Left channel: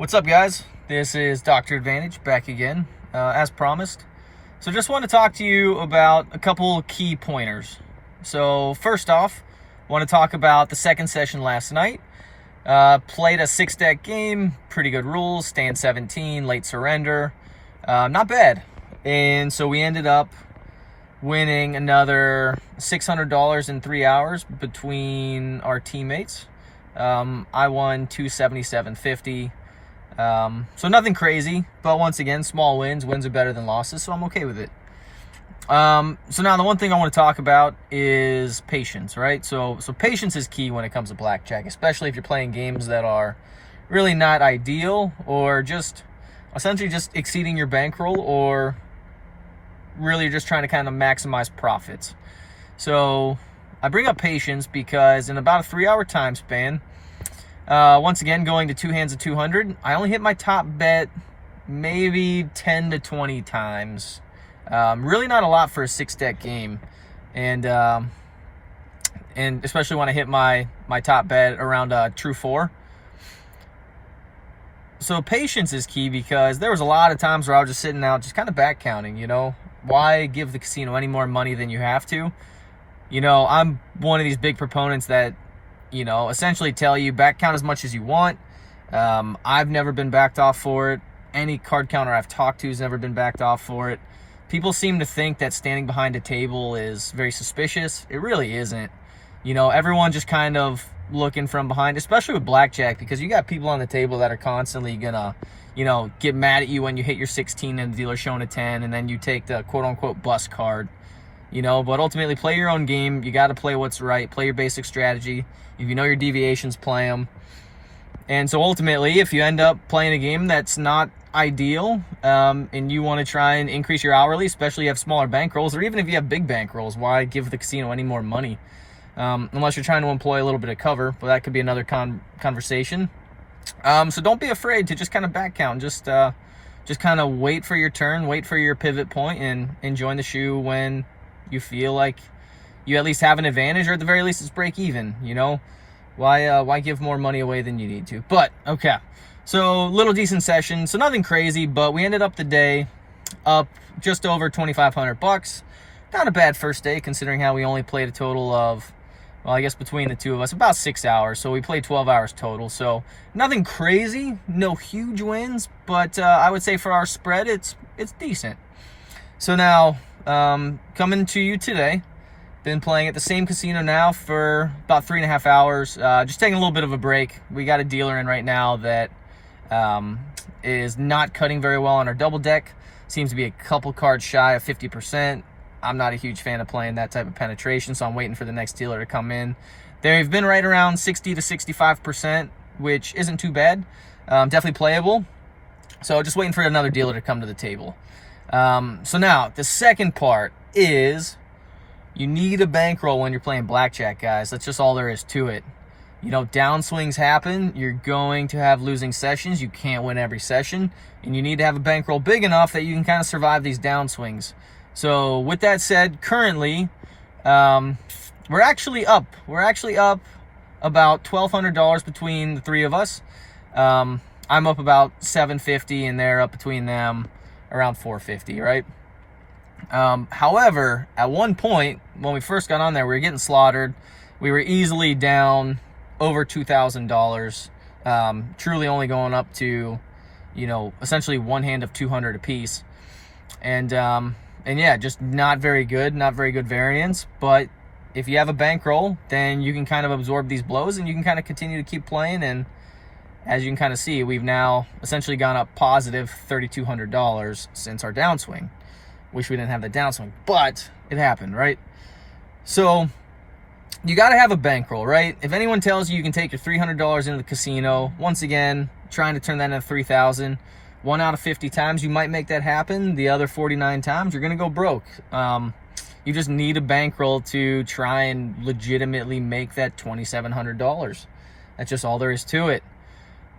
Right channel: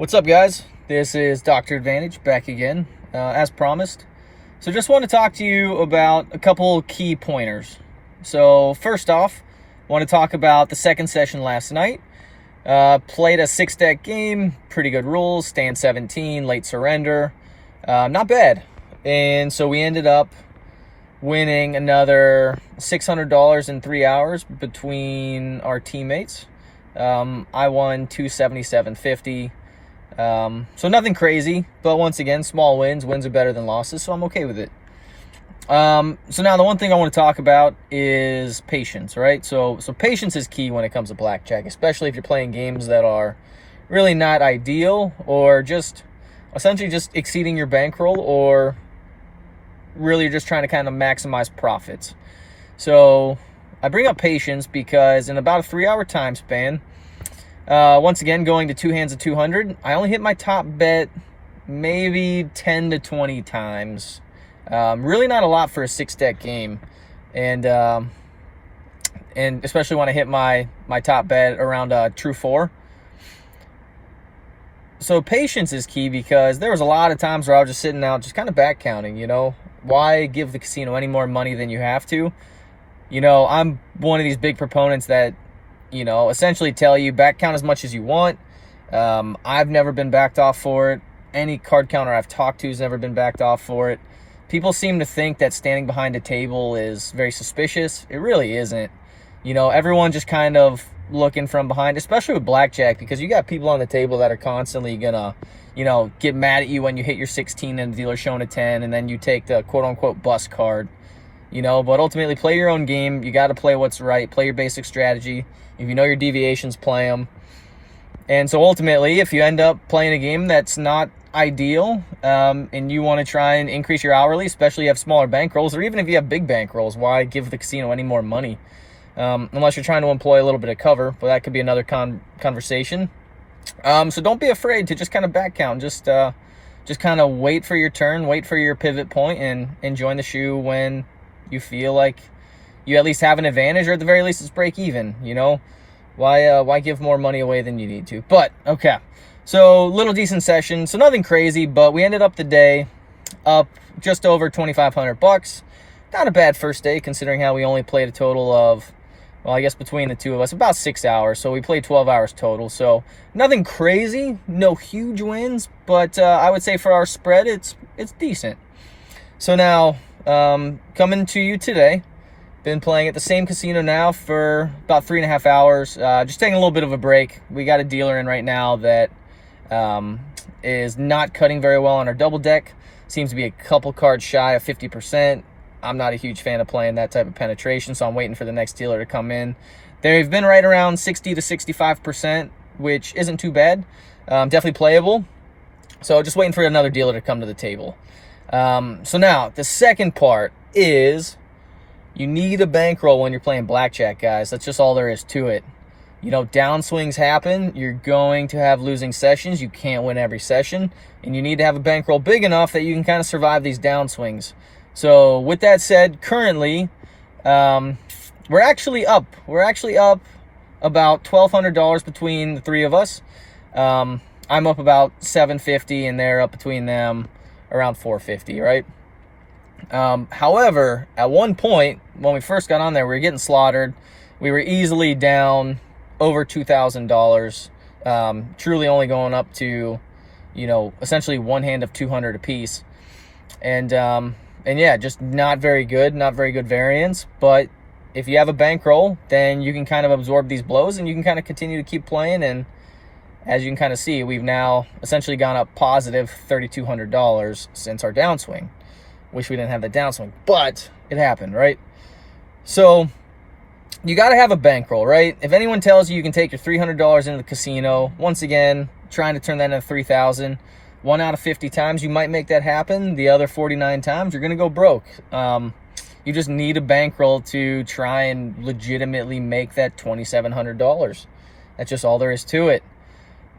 What's up, guys? This is Dr. Advantage back again, as promised. So just want to talk to you about a couple key pointers. So first off, want to talk about the second session last night. Played a 6-deck game, pretty good rules, stand 17, late surrender, not bad. And so we ended up winning another $600 in 3 hours between our teammates. I won $277.50. So nothing crazy, but once again, small wins. Wins are better than losses, so I'm okay with it. So now the one thing I want to talk about is patience, right? So patience is key when it comes to blackjack, especially if you're playing games that are really not ideal or just essentially just exceeding your bankroll, or really just trying to kind of maximize profits. So I bring up patience because in about a 3-hour time span, once again, going to two hands of 200, I only hit my top bet maybe 10 to 20 times. Really not a lot for a 6-deck game. And especially when I hit my top bet around true 4. So patience is key because there was a lot of times where I was just sitting out, just kind of back counting, you know. Why give the casino any more money than you have to? You know, I'm one of these big proponents that, you know, essentially tell you back count as much as you want. I've never been backed off for it. Any card counter I've talked to has never been backed off for it. People seem to think that standing behind a table is very suspicious. It really isn't. You know, everyone just kind of looking from behind, especially with blackjack, because you got people on the table that are constantly gonna, you know, get mad at you when you hit your 16 and the dealer's showing a 10, and then you take the quote-unquote bust card. You know, but ultimately play your own game. You got to play what's right. Play your basic strategy. If you know your deviations, play them. And so ultimately, if you end up playing a game that's not ideal, and you want to try and increase your hourly, especially if you have smaller bankrolls, or even if you have big bankrolls, why give the casino any more money? Unless you're trying to employ a little bit of cover, but that could be another conversation. So don't be afraid to just kind of back count. Just kind of wait for your turn, wait for your pivot point, and join the shoe when you feel like you at least have an advantage, or at the very least it's break even. You know, why give more money away than you need to? But okay, so little decent session, so nothing crazy, but we ended up the day up just over $2,500. Not a bad first day considering how we only played a total of, well, I guess between the two of us, about 6 hours. So we played 12 hours total. So nothing crazy, no huge wins, but I would say for our spread, it's decent. So now, coming to you today, been playing at the same casino now for about 3.5 hours. Just taking a little bit of a break. We got a dealer in right now that is not cutting very well on our double deck. Seems to be a couple cards shy of 50%. I'm not a huge fan of playing that type of penetration, so I'm waiting for the next dealer to come in. They've been right around 60 to 65%, which isn't too bad. Definitely playable. So just waiting for another dealer to come to the table. So now, the second part is you need a bankroll when you're playing blackjack, guys. That's just all there is to it. You know, downswings happen. You're going to have losing sessions. You can't win every session. And you need to have a bankroll big enough that you can kind of survive these downswings. So with that said, currently, we're actually up. We're actually up about $1,200 between the three of us. I'm up about $750, and they're up between them around $450, right? However, at one point, when we first got on there, we were getting slaughtered. We were easily down over $2,000, truly only going up to, you know, essentially one hand of 200 apiece. And yeah, just not very good variance. But if you have a bankroll, then you can kind of absorb these blows and you can kind of continue to keep playing. And as you can kind of see, we've now essentially gone up positive $3,200 since our downswing. Wish we didn't have the downswing, but it happened, right? So you got to have a bankroll, right? If anyone tells you you can take your $300 into the casino, once again, trying to turn that into $3,000, 1 out of 50 times you might make that happen. The other 49 times you're going to go broke. You just need a bankroll to try and legitimately make that $2,700. That's just all there is to it.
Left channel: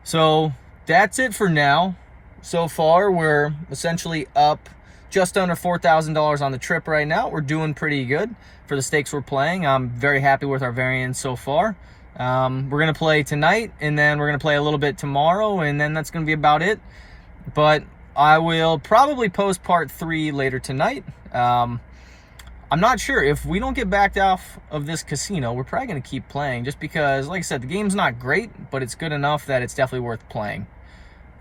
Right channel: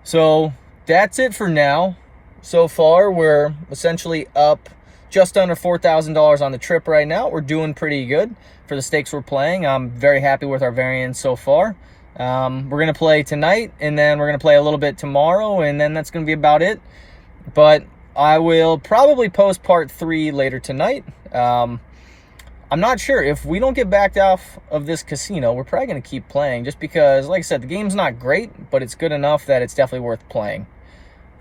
So that's it for now. So far, we're essentially up just under $4,000 on the trip right now. We're doing pretty good for the stakes we're playing. I'm very happy with our variance so far. We're going to play tonight, and then we're going to play a little bit tomorrow, and then that's going to be about it. But I will probably post part 3 later tonight. I'm not sure. If we don't get backed off of this casino, we're probably going to keep playing, just because, like I said, the game's not great, but it's good enough that it's definitely worth playing.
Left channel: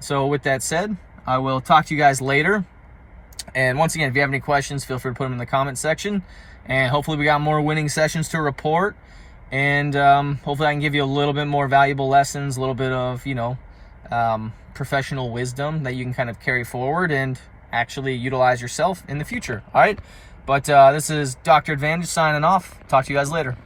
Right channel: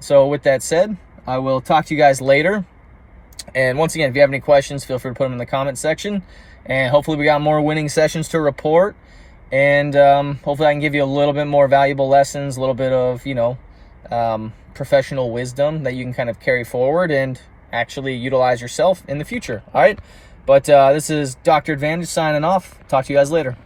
So with that said, I will talk to you guys later. And once again, if you have any questions, feel free to put them in the comment section. And hopefully we got more winning sessions to report. And hopefully I can give you a little bit more valuable lessons, a little bit of, professional wisdom that you can kind of carry forward and actually utilize yourself in the future. All right. But this is Dr. Advantage signing off. Talk to you guys later.